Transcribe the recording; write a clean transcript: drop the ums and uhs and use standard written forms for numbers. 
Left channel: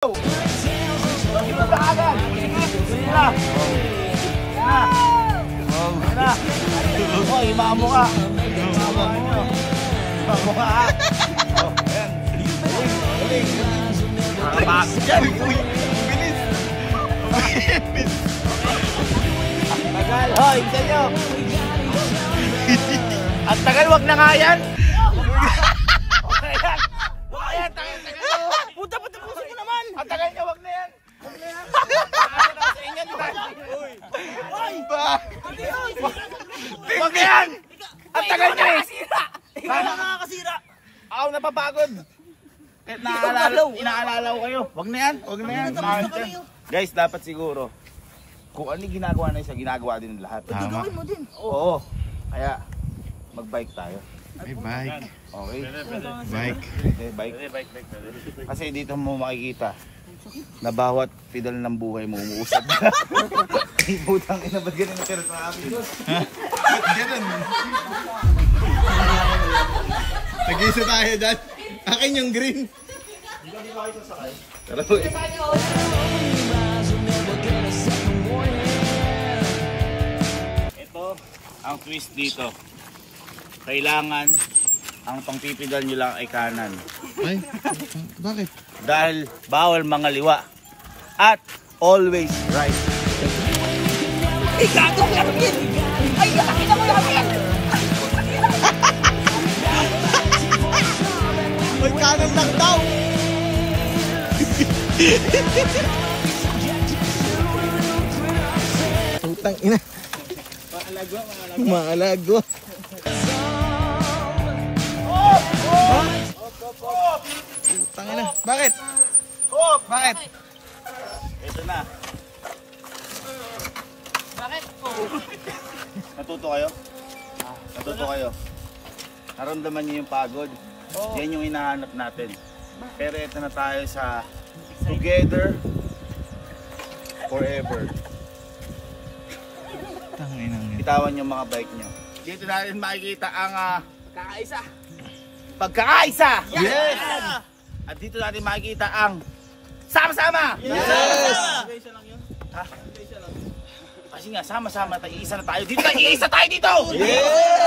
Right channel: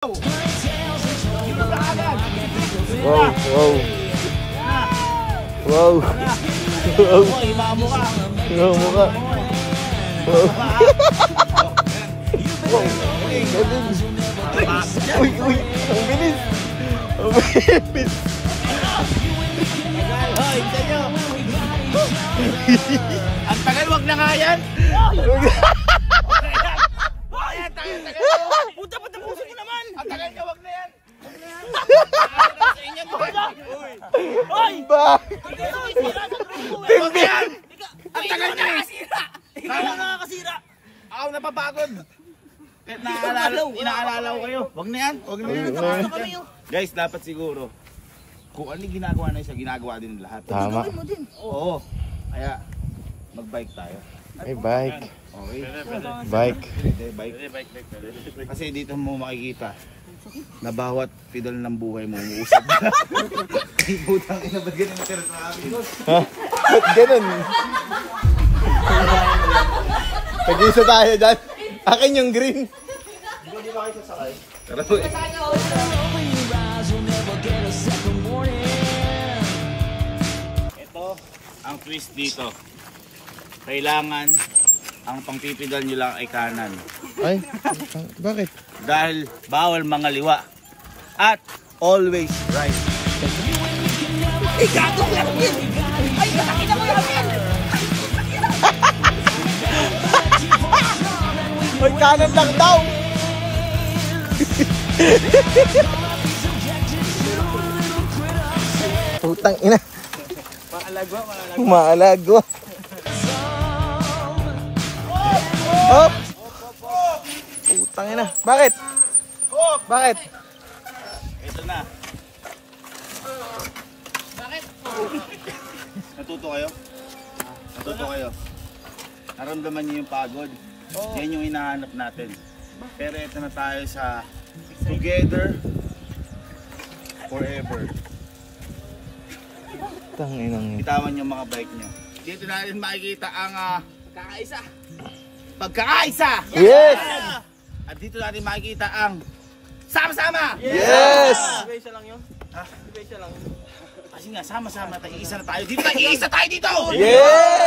Wow! Oh, imamo ka. Tagal, hoy, isa nyo. Ang tagal, wag na nga yan. Puta, patapusin mo naman. Ang tagal nyo, wag na yan. Hoy! Wag na yan! Ang tagal nyo eh! Ikaw na nakakasira! Ako napapagod! Kahit inaalala ko kayo. Wag na yan! Wag na yan! Guys, dapat siguro kung ano yung ginagawa na isa, ginagawa din ng lahat. Gagawin mo din. Oo. Kaya mag-bike tayo. May bike. Okay? Bike. Bike. Kasi dito mo makikita na bawat pedal ng buhay mo umuusad na. Ay, putang ina, ba't ganun na traffic? Ba't ganun? Tag-isa tayo dyan. Akin yung green. Hindi ba kayo sasakay? Tara. Ito, ang twist dito. Kailangan ang pangpipidal nyo lang ay kanan. Ay, bakit? Dahil bawal mga liwa. At always right. Ay, gago ko yan! Ay, nakita ko yan! Ay, kanan lang daw! Putang ina. Maalagwa. Oh! Putang ina. Bakit? Bakit? Ito na. Bakit? Natuto kayo? Natuto kayo? Naramdaman niyo yung pagod? Yan yung hinahanap natin. Pero ito na tayo sa together forever. Bitawan yung mga bike nyo. Dito natin makikita ang pagkakaisa! Yes! At dito natin makikita ang sama-sama! Yes! Isa lang yun? Ha? Isa lang. Kasi nga, sama-sama tayo. Iisa na tayo dito! Iisa tayo dito! Yes!